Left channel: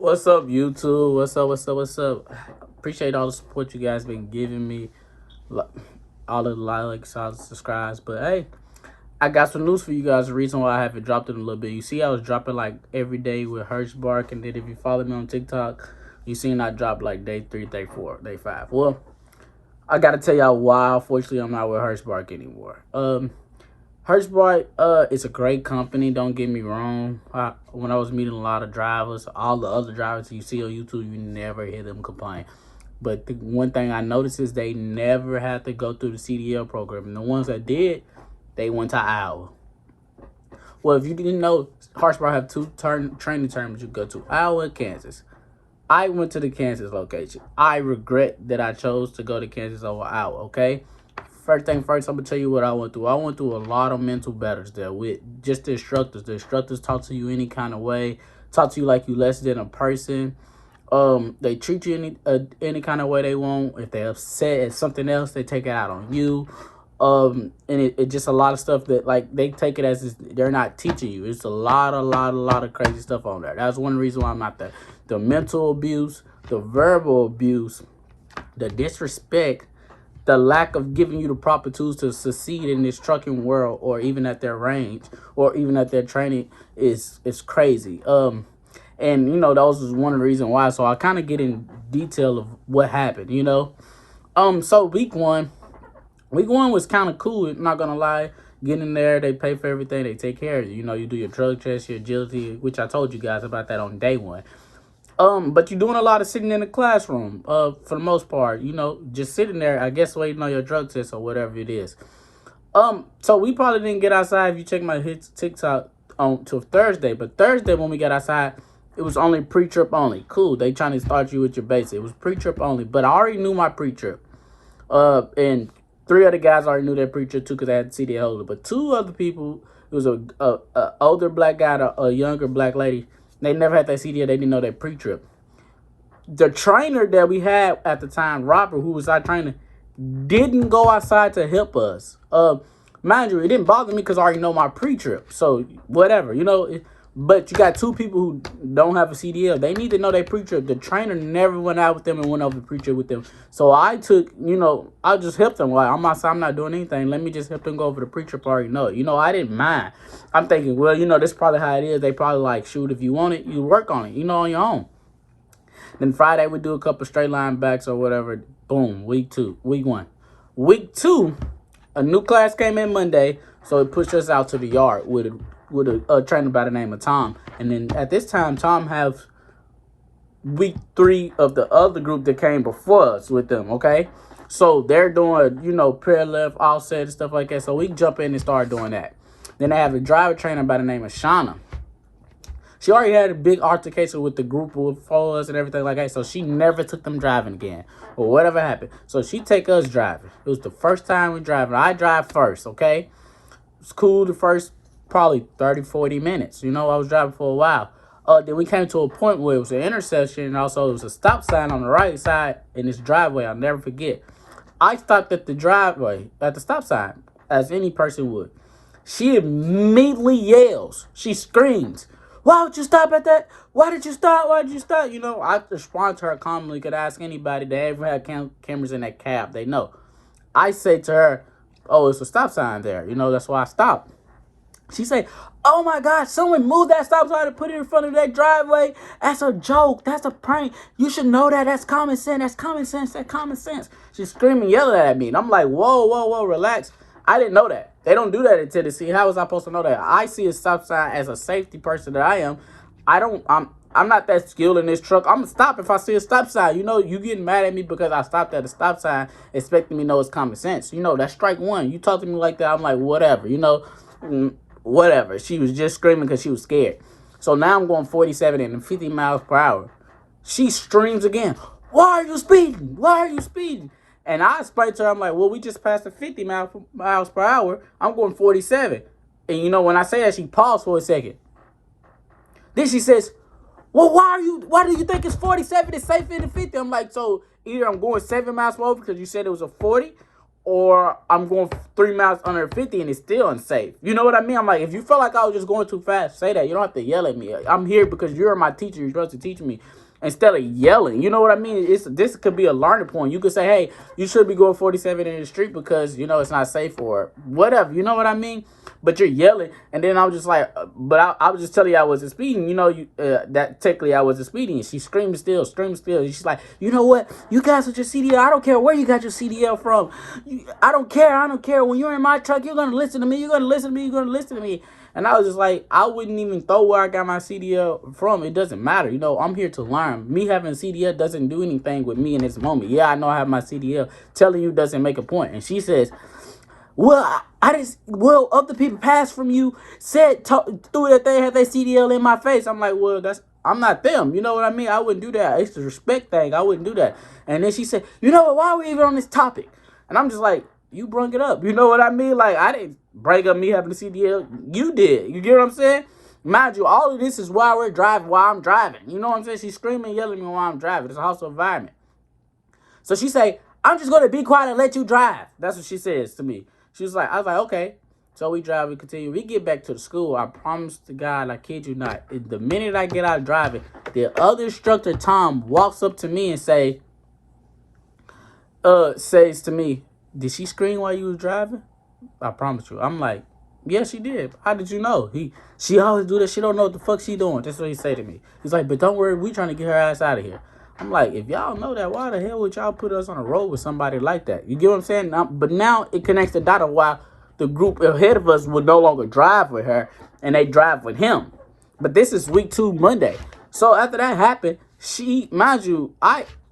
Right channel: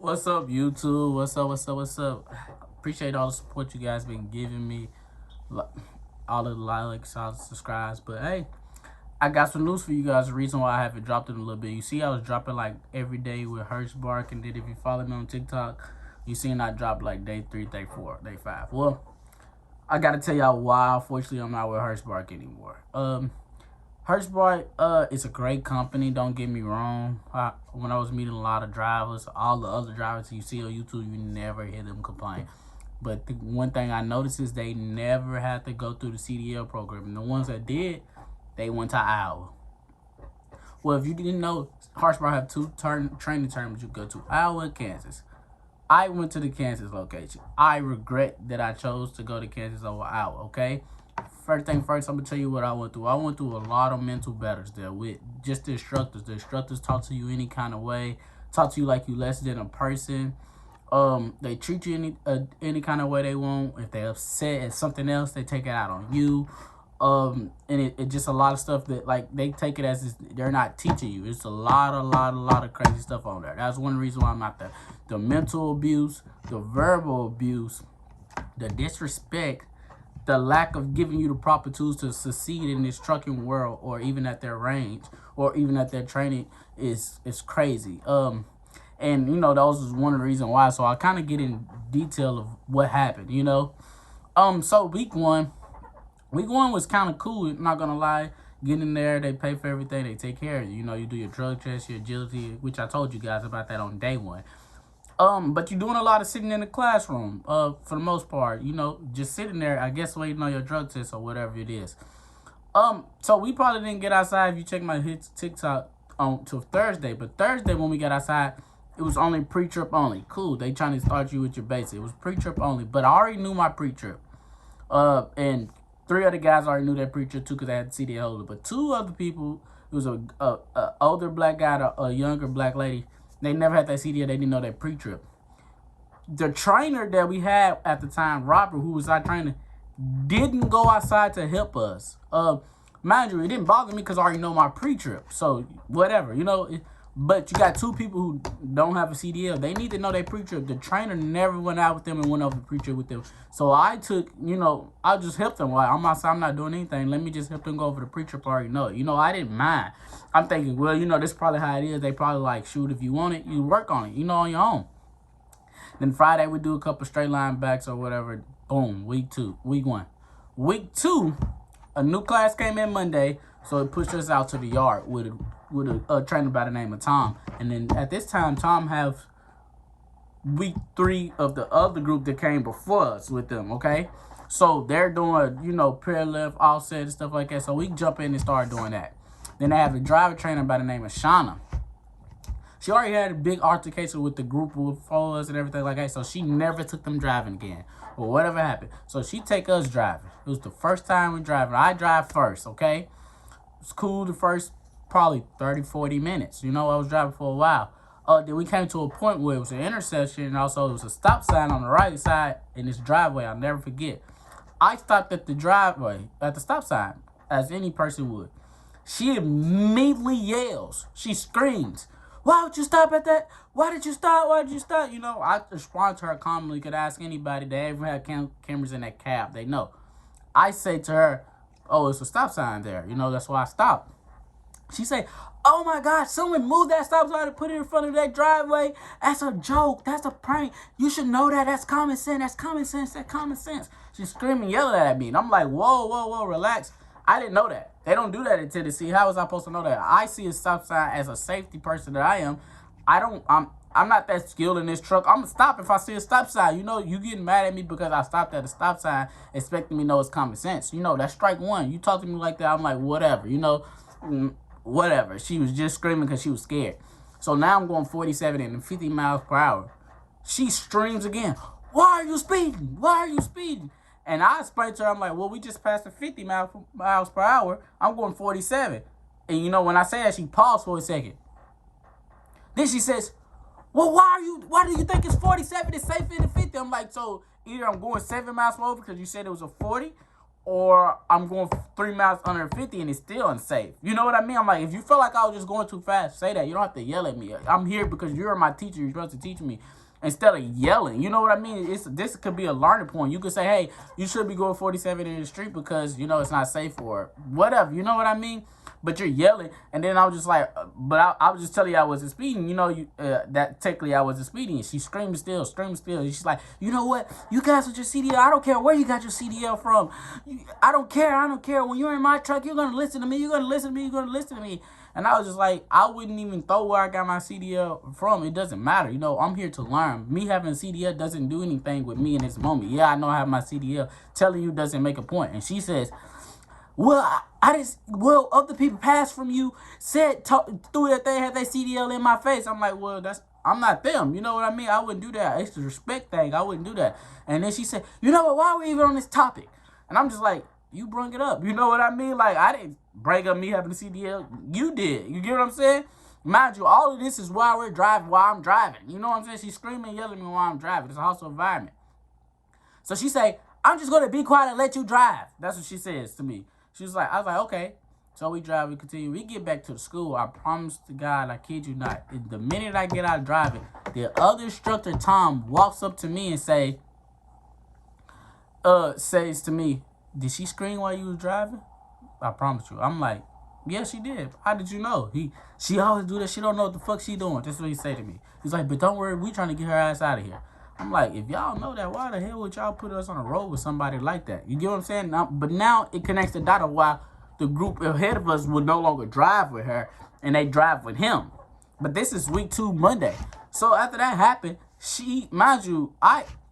What's up, YouTube? What's up? Appreciate all the support you guys been giving me. Li- All the likes, all the subscribes. But hey, I got some news for you guys. The reason why I haven't dropped it in a little bit. You see, I was dropping like every day with Hirschbach. And then if you follow me on TikTok, you seen I dropped like day 3, day 4, day 5. Well, I got to tell y'all why. Unfortunately, I'm not with Hirschbach anymore. Hirschbach, it's a great company. Don't get me wrong. When I was meeting a lot of drivers, all the other drivers you see on YouTube, you never hear them complain. But the one thing I noticed is they never had to go through the CDL program. And the ones that did, they went to Iowa. Well, if you didn't know, Hirschbach have two training terms you go to, Iowa and Kansas. I went to the Kansas location. I regret that I chose to go to Kansas over Iowa, okay? First thing first, I'm going to tell you what I went through. I went through a lot of mental battles there with just the instructors. The instructors talk to you any kind of way, talk to you like you less than a person. They treat you any kind of way they want. If they're upset at something else, they take it out on you. And it just a lot of stuff that like they take it as they're not teaching you. It's a lot of crazy stuff on there. That's one reason why I'm not there. The mental abuse, the verbal abuse, the disrespect, the lack of giving you the proper tools to succeed in this trucking world, or even at their range, or even at their training is crazy. And those is one of the reasons why. So I kind of get in detail of what happened. So week one was kind of cool. I'm not gonna lie. Get in there, they pay for everything, they take care of you. You do your drug test, your agility, which I told you guys about that on day one. But you're doing a lot of sitting in the classroom, for the most part, just sitting there, I guess, waiting on your drug test or whatever it is. So we probably didn't get outside, if you check my TikTok, on till Thursday. But Thursday when we got outside, it was only pre-trip only. Cool, they trying to start you with your basic. It was pre-trip only, but I already knew my pre-trip. And 3 other guys already knew their pre-trip too, because I had CDL holder. But 2 other people, it was a older black guy and a younger black lady. They never had that CDL. They didn't know that pre-trip. The trainer that we had at the time, Robert, who was our trainer, didn't go outside to help us. Mind you, it didn't bother me because I already know my pre-trip. So whatever, but you got 2 people who don't have a CDL. They need to know their pre-trip. The trainer never went out with them and went over the pre-trip with them. So I took, I just helped them. Like, I'm outside, I'm not doing anything. Let me just help them go over the pre-trip. I already know it. I didn't mind. I'm thinking, well, this is probably how it is. They probably like, shoot, if you want it, you work on it, on your own. Then Friday, we do a couple straight line backs or whatever. Boom, week 1. Week 2, a new class came in Monday, so it pushed us out to the yard with a trainer by the name of Tom. And then at this time, Tom have week 3 of the other group that came before us with them, okay? So they're doing, prayer left, offset, and stuff like that. So we jump in and start doing that. Then they have a driver trainer by the name of Shauna. She already had a big altercation with the group before us and everything like that. So she never took them driving again or whatever happened. So she take us driving. It was the first time we driving. I drive first, okay? It's cool the first probably 30, 40 minutes. I was driving for a while. Then we came to a point where it was an intersection, and also it was a stop sign on the right side in this driveway. I'll never forget. I stopped at the driveway, at the stop sign, as any person would. She immediately yells. She screams, "Why would you stop at that? Why did you stop? Why did you stop?" I respond to her calmly. Could ask anybody that ever had cameras in that cab. They know. I say to her, "Oh, it's a stop sign there. That's why I stopped." She said, "Oh my God, someone moved that stop sign and put it in front of that driveway. That's a joke. That's a prank. You should know that. That's common sense. That's common sense. That's common sense." She's screaming, yelling at me. And I'm like, whoa, relax. I didn't know that. They don't do that in Tennessee. How was I supposed to know that? I see a stop sign as a safety person that I am. I'm not that skilled in this truck. I'm gonna stop if I see a stop sign. You getting mad at me because I stopped at a stop sign, expecting me to know it's common sense. That's strike one. You talk to me like that, I'm like, whatever. Whatever. She was just screaming because she was scared. So now I'm going 47 and 50 miles per hour. She screams again, "Why are you speeding? Why are you speeding?" And I explained to her, I'm like, well, we just passed the 50 miles per hour. I'm going 47. And when I say that, she paused for a second. Then she says, "Well, why do you think it's 47 is safer than 50? I'm like, so either I'm going 7 miles per hour because you said it was a 40, or I'm going 3 miles under 50 and it's still unsafe. You know what I mean? I'm like, if you feel like I was just going too fast, say that. You don't have to yell at me. I'm here because you're my teacher. You're supposed to teach me instead of yelling. You know what I mean? This could be a learning point. You could say, hey, you should be going 47 in the street because, it's not safe or whatever. You know what I mean? But you're yelling. And then I was just like, but I was just telling you I wasn't speeding. That technically I wasn't speeding. She screamed still. And she's like, you know what? You guys with your CDL, I don't care where you got your CDL from. I don't care. When you're in my truck, you're going to listen to me. You're going to listen to me. And I was just like, I wouldn't even throw where I got my CDL from. It doesn't matter. I'm here to learn. Me having a CDL doesn't do anything with me in this moment. Yeah, I know I have my CDL. Telling you doesn't make a point. And she says, well, other people passed from you, threw that they had their CDL in my face. I'm like, well, I'm not them. You know what I mean? I wouldn't do that. It's the respect thing. I wouldn't do that. And then she said, you know what? Why are we even on this topic? And I'm just like, you brought it up. You know what I mean? Like, I didn't bring up me having a CDL. You did. You get what I'm saying? Mind you, all of this is while I'm driving. You know what I'm saying? She's screaming, yelling at me while I'm driving. It's a hostile environment. So she say, I'm just going to be quiet and let you drive. That's what she says to me. She was like, I was like, okay. So we drive, we continue. We get back to the school. I promise to God, I kid you not. The minute I get out driving, the other instructor, Tom, walks up to me and says to me, did she scream while you was driving? I promise you. I'm like, yeah, she did. How did you know? She always do that. She don't know what the fuck she doing. That's what he say to me. He's like, but don't worry, we trying to get her ass out of here. I'm like, if y'all know that, why the hell would y'all put us on a road with somebody like that? You get what I'm saying? But now it connects the dot of why the group ahead of us would no longer drive with her and they drive with him. But this is week 2, Monday. So after that happened, mind you,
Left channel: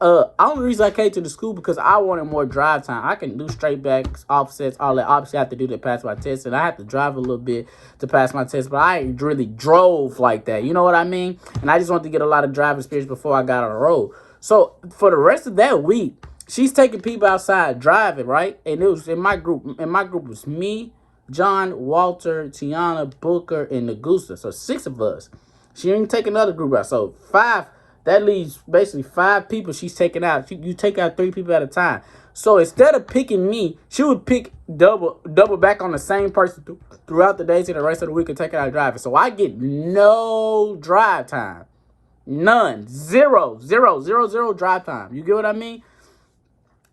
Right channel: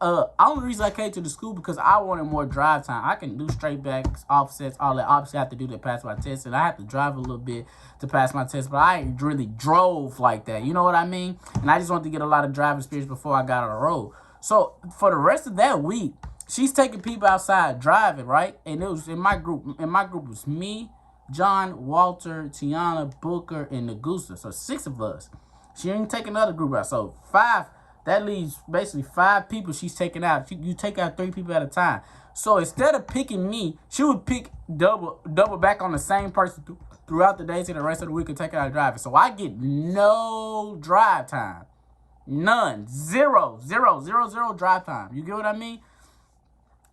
only reason I came to the school because I wanted more drive time. I can do straight backs, offsets, all that. Obviously, I have to do to pass my test, and I have to drive a little bit to pass my test, but I ain't really drove like that. You know what I mean? And I just wanted to get a lot of driving experience before I got on the road. So for the rest of that week, she's taking people outside driving, right? And it was in my group. In my group was me, John, Walter, Tiana, Booker, and Nagusa. So 6 of us. She ain't taking another group out. So 5. That leaves basically 5 people she's taking out. You take out 3 people at a time. So instead of picking me, she would pick double back on the same person throughout the days and the rest of the week and take out driving. So I get no drive time. None. Zero drive time. You get what I mean?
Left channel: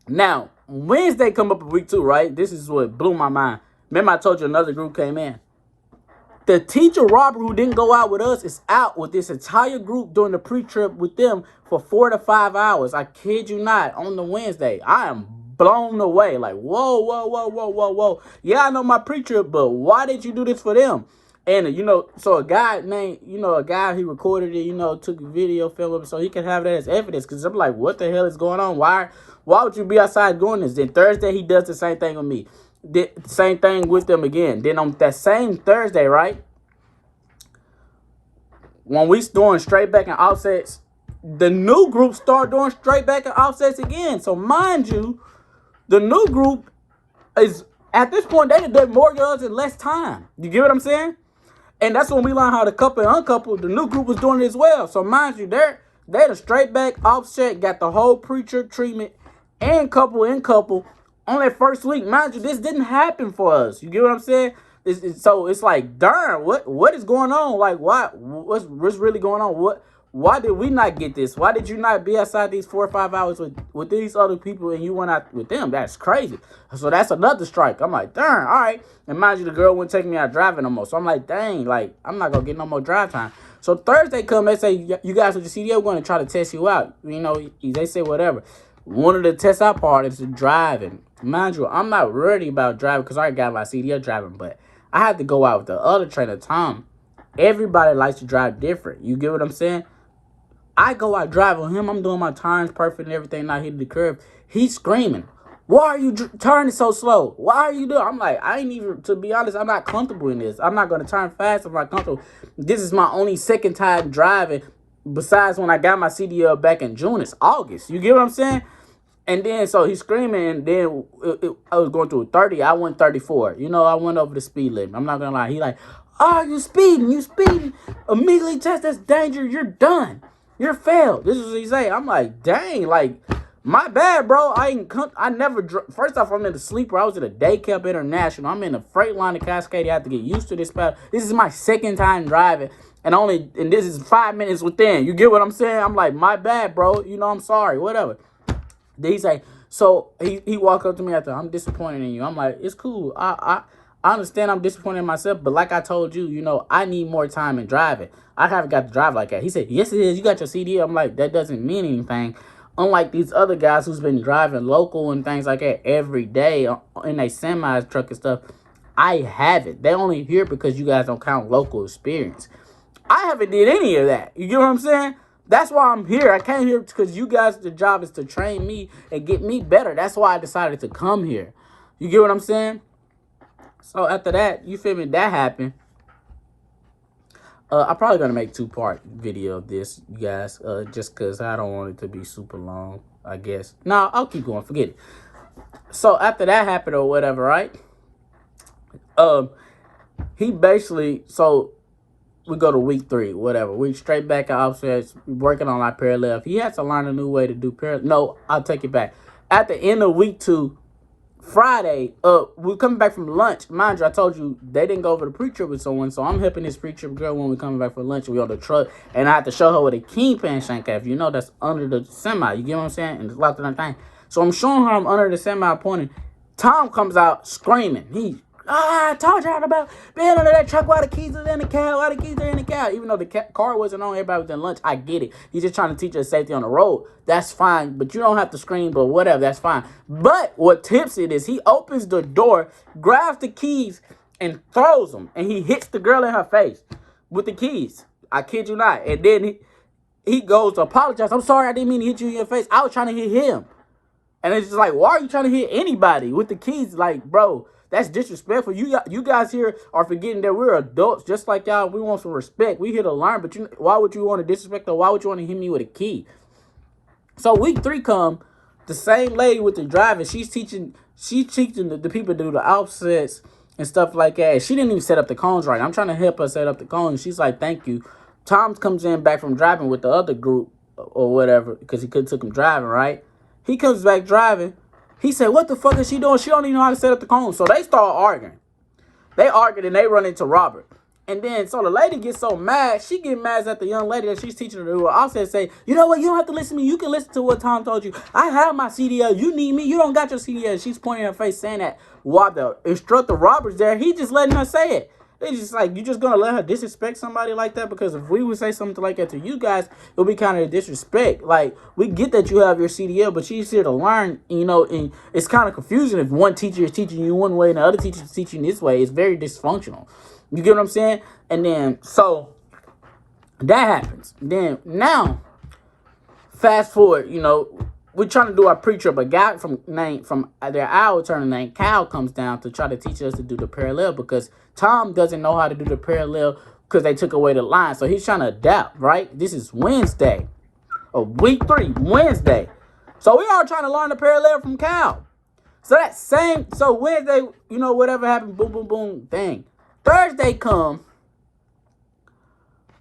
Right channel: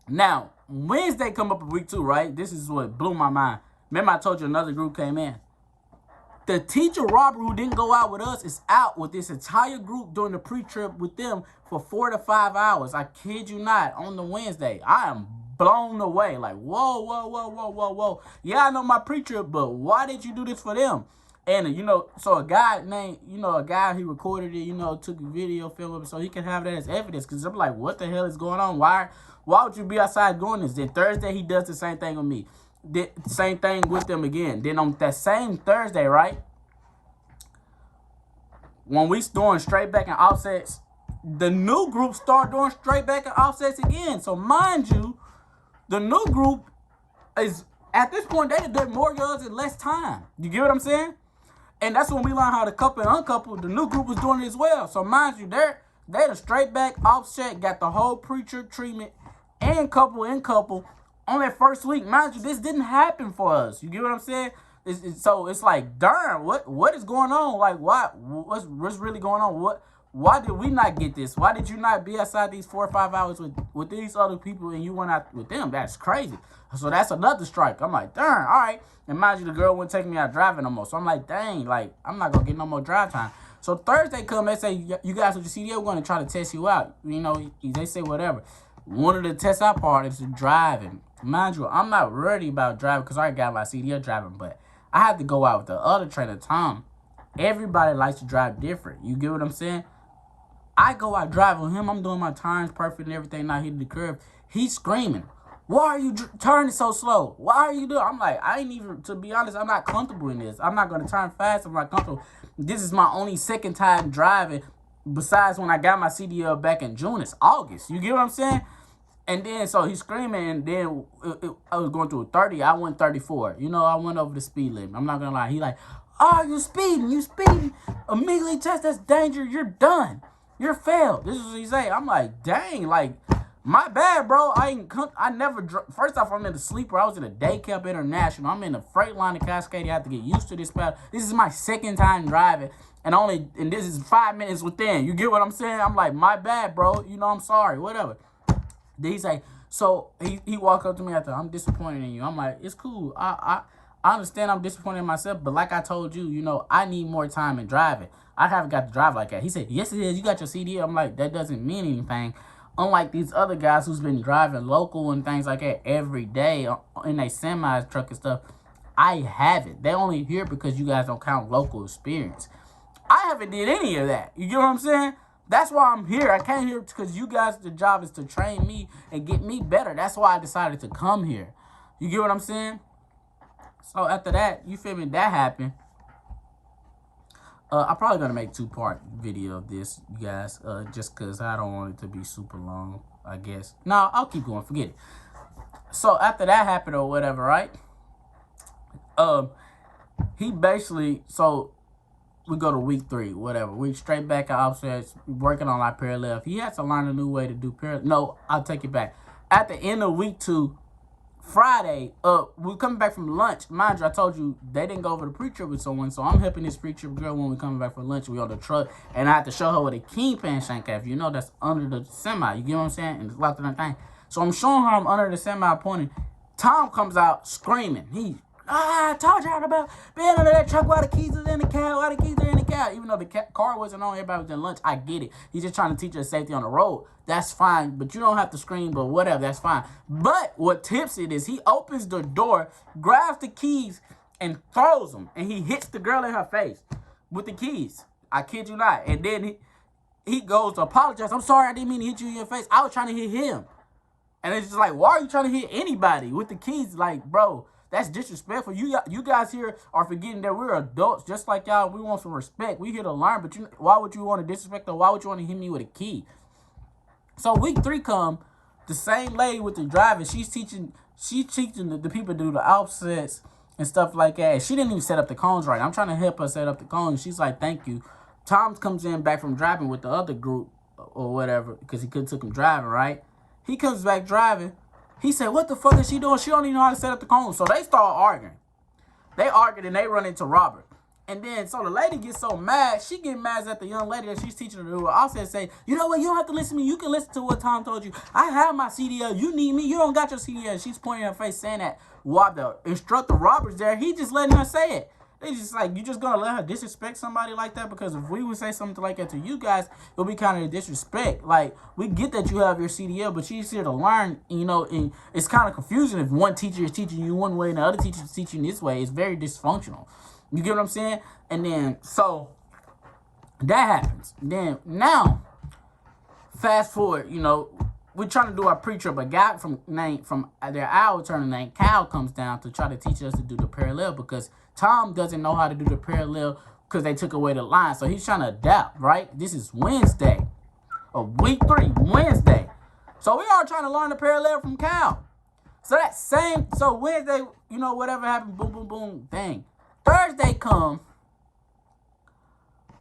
Now, Wednesday come up in week 2, right? This is what blew my mind. Remember I told you another group came in. The teacher, Robert, who didn't go out with us, is out with this entire group doing the pre-trip with them for 4 to 5 hours. I kid you not, on the Wednesday. I am blown away. Like, whoa. Yeah, I know my pre-trip, but why did you do this for them? And, so a guy named, he recorded it, took a video, film of it, so he can have that as evidence. Because I'm like, what the hell is going on? Why would you be outside doing this? Then Thursday, he does the same thing with me. Did the same thing with them again. Then on that same Thursday, right, when we doing straight back and offsets, the new group start doing straight back and offsets again. So mind you, the new group is at this point they did more yards in less time. You get what I'm saying? And that's when we learned how to couple and uncouple. The new group was doing it as well. So mind you, they the straight back offset got the whole pre-trip treatment and couple on that first week. Mind you, this didn't happen for us. You get what I'm saying? So it's like, darn, what is going on? Like, what's really going on? Why did we not get this? Why did you not be outside these 4 or 5 hours with these other people and you went out with them? That's crazy. So that's another strike. I'm like, darn, all right. And mind you, the girl wouldn't take me out driving no more. So I'm like, dang, like, I'm not going to get no more drive time. So Thursday come, they say, you guys with your CDL, we're going to try to test you out. They say whatever. One of the tests I part is driving. Mind you, I'm not worried about driving because I already got my CDL driving, but I had to go out with the other trainer, Tom. Everybody likes to drive different. You get what I'm saying? I go out driving with him. I'm doing my times perfect and everything, not hitting the curve. He's screaming, why are you turning so slow? Why are you doing? I'm like, to be honest, I'm not comfortable in this. I'm not going to turn fast. I'm not comfortable. This is my only second time driving besides when I got my CDL back in June. It's August. You get what I'm saying? And then, so he's screaming, and then I was going through 30. I went 34. I went over the speed limit. I'm not going to lie. He like, oh, you speeding. Immediately test, that's danger. You're done. You're failed. This is what he say. I'm like, dang, like, My bad, bro. I never. First off, I'm in the sleeper. I was in a day cab international. I'm in a Freightliner Cascade. I have to get used to this path. This is my second time driving, and this is 5 minutes within. You get what I'm saying? I'm like, my bad, bro. You know, I'm sorry. Whatever. Then he's like, so he walked up to me after, I'm disappointed in you. I'm like, it's cool. I understand I'm disappointed in myself, but like I told you, you know, I need more time in driving. I haven't got to drive like that. He said, yes, it is. You got your CD. I'm like, that doesn't mean anything. Unlike these other guys who's been driving local and things like that every day in a semi truck and stuff, I haven't. They only here because you guys don't count local experience. I haven't did any of that. You get what I'm saying? That's why I'm here. I came here because you guys, the job is to train me and get me better. That's why I decided to come here. You get what I'm saying? So after that, you feel me? That happened. I'm probably going to make 2-part video of this, you guys, just because I don't want it to be super long, I guess. No, I'll keep going. Forget it. So after that happened or whatever, right? He basically, so we go to week 3, whatever. We straight back at offsets, working on our parallel. He had to learn a new way to do parallel. No, I'll take it back. At the end of week 2, Friday, we're coming back from lunch. Mind you, I told you they didn't go over the pre-trip with someone, so I'm helping this pre-trip girl when we're coming back for lunch. We on the truck, and I have to show her what a kingpin shank at. You know, that's under the semi. You get what I'm saying? And it's locked in that thing. So I'm showing her I'm under the semi pointing. Tom comes out screaming. I told y'all about being under that truck while the keys are in the cab, while the keys are in the cab. Even though the car wasn't on, everybody was in lunch. I get it. He's just trying to teach us safety on the road. That's fine, but you don't have to scream, but whatever, that's fine. But what tips it is he opens the door, grabs the keys, and throws them. And he hits the girl in her face with the keys. I kid you not. And then he goes to apologize. I'm sorry, I didn't mean to hit you in your face. I was trying to hit him. And it's just like, why are you trying to hit anybody with the keys? Like, bro, that's disrespectful. You guys here are forgetting that we're adults just like y'all. We want some respect. We here to learn, but why would you want to disrespect or why would you want to hit me with a key? So week 3 come, the same lady with the driving, she's teaching the people to do the offsets and stuff like that. She didn't even set up the cones right. I'm trying to help her set up the cones. She's like, thank you. Tom comes in back from driving with the other group or whatever because he couldn't took him driving, right? He comes back driving. He said, what the fuck is she doing? She don't even know how to set up the cones. So they start arguing. They argued and they run into Robert. And then, so the lady gets so mad, she get mad at the young lady that she's teaching her to do. I said, say, you know what, you don't have to listen to me. You can listen to what Tom told you. I have my CDL. You need me. You don't got your CDL. She's pointing her face saying that while the instructor Robert's there, he just letting her say it. It's just like, you just going to let her disrespect somebody like that? Because if we would say something like that to you guys, it would be kind of disrespect. Like, we get that you have your CDL, but she's here to learn, you know, and it's kind of confusing if one teacher is teaching you one way and the other teacher is teaching this way. It's very dysfunctional. You get what I'm saying? And then, so, that happens. Then, now, fast forward, you know, we're trying to do our pre-trip. A guy from their hour turning named Cal comes down to try to teach us to do the parallel because Tom doesn't know how to do the parallel because they took away the line. So he's trying to adapt, right? This is Wednesday of week 3, Wednesday. So we are trying to learn the parallel from Cal. So Wednesday, you know, whatever happened, boom, boom, boom, thing. Thursday come.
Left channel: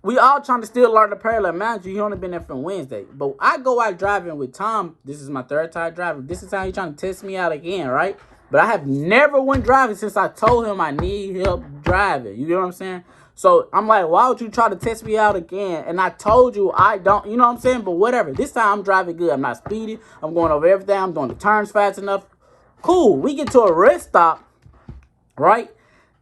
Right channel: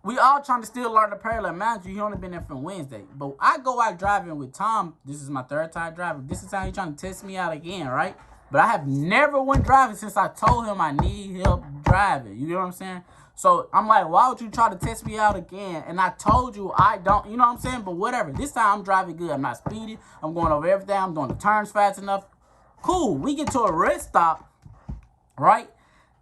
We all trying to still learn the parallel. Mind you, he only been there from Wednesday. But I go out driving with Tom. This is my 3rd time driving. This is how he trying to test me out again, right? But I have never went driving since I told him I need help driving. You get what I'm saying? So I'm like, why would you try to test me out again? And I told you I don't, you know what I'm saying? But whatever. This time I'm driving good. I'm not speeding. I'm going over everything. I'm doing the turns fast enough. Cool. We get to a rest stop, right?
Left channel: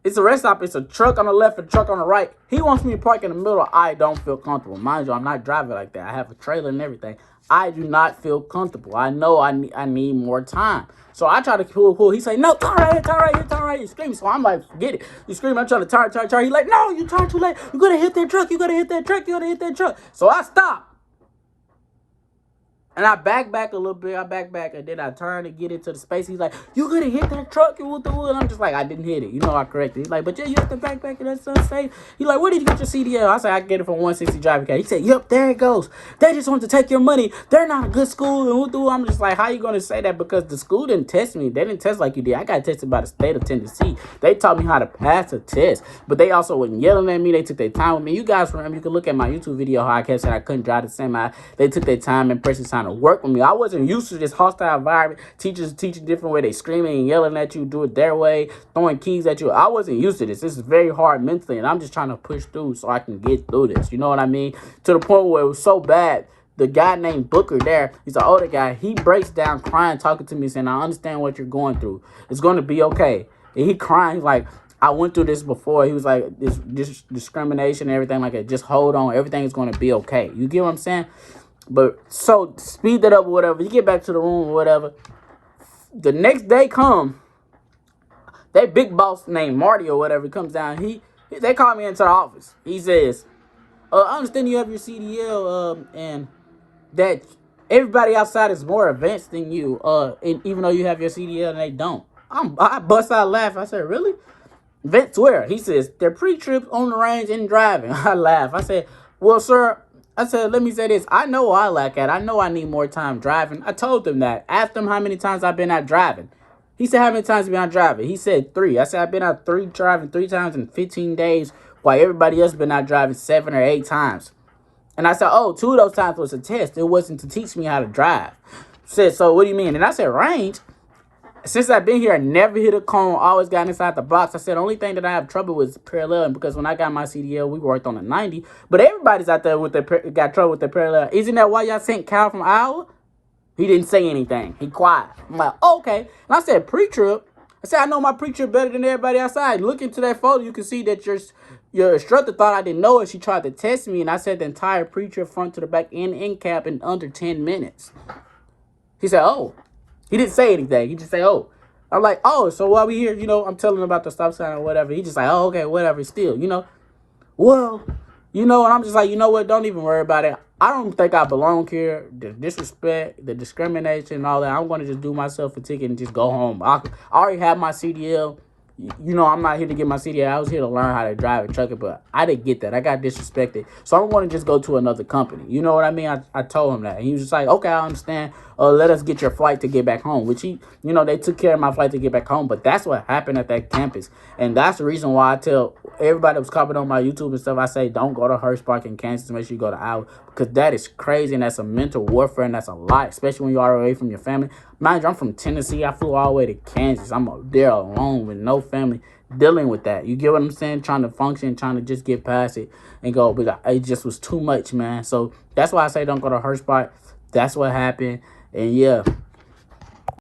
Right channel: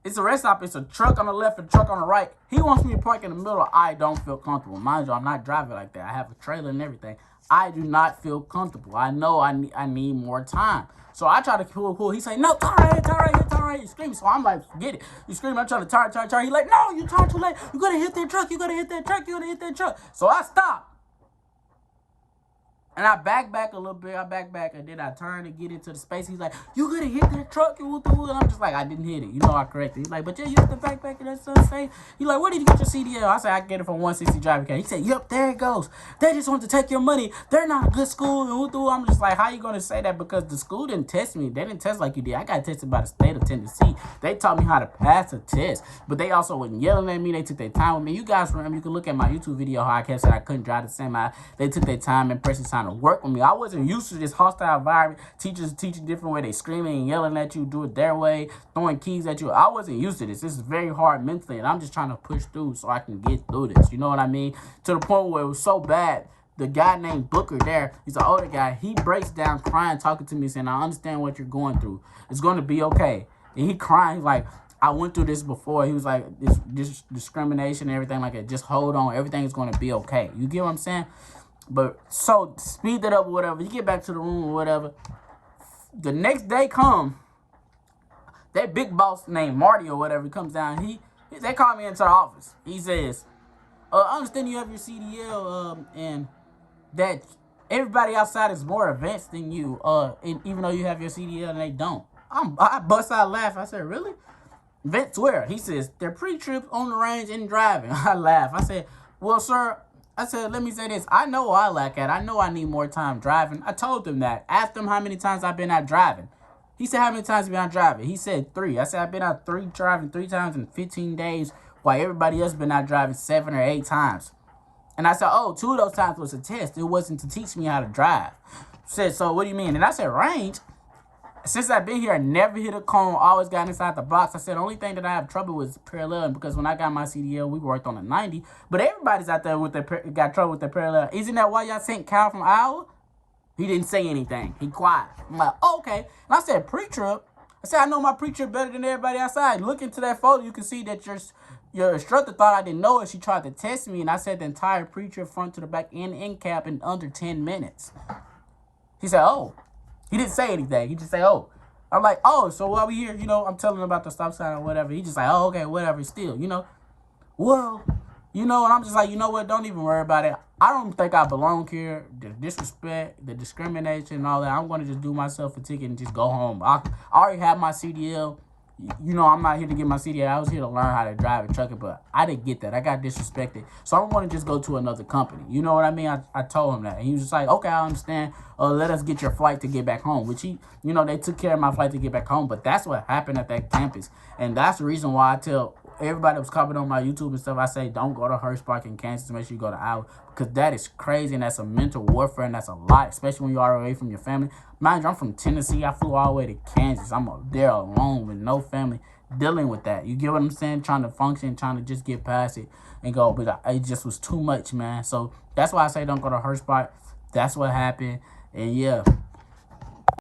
It's a rest stop. It's a truck on the left and a truck on the right. He wants me to park in the middle. I don't feel comfortable. Mind you, I'm not driving like that. I have a trailer and everything. I do not feel comfortable. I know I need more time. So I try to cool. He say, no, turn right here, turn right here, turn right here. He's screaming. So I'm like, forget it. You screaming. I'm trying to turn. He's like, no, you turn too late. You got to hit that truck. You got to hit that truck. You got to hit that truck. So I stop. And I back a little bit. I back, and then I turn to get into the space. He's like, you gonna hit that truck? And I'm just like, I didn't hit it. You know, I corrected. He's like, but yeah, you have to back, and that's unsafe. He's like, where did you get your CDL? I said, I get it from 160 driving cat. He said, yep, there it goes. They just want to take your money. They're not a good school. And I'm just like, how you gonna say that? Because the school didn't test me. They didn't test like you did. I got tested by the state of Tennessee. They taught me how to pass a test. But they also wasn't yelling at me. They took their time with me. You guys remember, you can look at my YouTube video how I said I couldn't drive the semi. They took their time and pressed the sign to work with me. I wasn't used to this hostile environment. Teachers teach a different way. They screaming and yelling at you, do it their way, throwing keys at you. I wasn't used to this. This is very hard mentally, and I'm just trying to push through so I can get through this. You know what I mean? To the point where it was so bad. The guy named Booker there, he's an older guy. He breaks down crying, talking to me, saying, I understand what you're going through. It's going to be okay. And he crying. He's like, I went through this before. He was like, this discrimination and everything like that. Just hold on. Everything is going to be okay. You get what I'm saying? But so speed that up or whatever. You get back to the room or whatever. The next day come, that big boss named Marty or whatever comes down. They call me into the office. He says, I understand you have your CDL and that everybody outside is more advanced than you, and even though you have your CDL and they don't. I bust out laughing. I said, really? Advanced where? He says, they're pre-trips on the range and driving. I laugh. I said, well, sir, I said, let me say this. I know I lack at. I know I need more time driving. I told them that. Asked them how many times I've been out driving. He said, how many times have you been out driving? He said 3. I said, I've been out driving 3 times in 15 days, while everybody else been out driving 7 or 8 times. And I said, oh, 2 of those times was a test. It wasn't to teach me how to drive. Said, so what do you mean? And I said, range. Since I've been here, I never hit a cone, always got inside the box. I said, the only thing that I have trouble with is paralleling, because when I got my CDL, we worked on a 90. But everybody's out there got trouble with the parallel. Isn't that why y'all sent Cal from Iowa? He didn't say anything. He quiet. I'm like, okay. And I said, pre-trip. I said, I know my pre-trip better than everybody outside. Look into that photo. You can see that your instructor thought I didn't know it. She tried to test me, and I said the entire pre-trip front to the back end cap in under 10 minutes. He said, oh. He didn't say anything. He just said, oh. I'm like, oh, so while we here, I'm telling him about the stop sign or whatever. He just like, oh, okay, whatever, still, Well, and I'm just like, you know what? Don't even worry about it. I don't think I belong here. The disrespect, the discrimination, and all that. I'm going to just do myself a ticket and just go home. I already have my CDL. I'm not here to get my CDL. I was here to learn how to drive a trucker, but I didn't get that. I got disrespected. So I'm going to just go to another company. You know what I mean? I told him that. And he was just like, okay, I understand. Let us get your flight to get back home, which they took care of my flight to get back home. But that's what happened at that campus. And that's the reason why I tell everybody that was commenting on my YouTube and stuff, I say, don't go to Hirschbach in Kansas. Make sure you go to Iowa, because that is crazy. And that's a mental warfare. And that's a lot, especially when you are away from your family. Mind you, I'm from Tennessee. I flew all the way to Kansas. I'm there alone with no family dealing with that. You get what I'm saying? Trying to function, trying to just get past it and go. But it just was too much, man. So that's why I say don't go to Hirschbach. That's what happened. And yeah,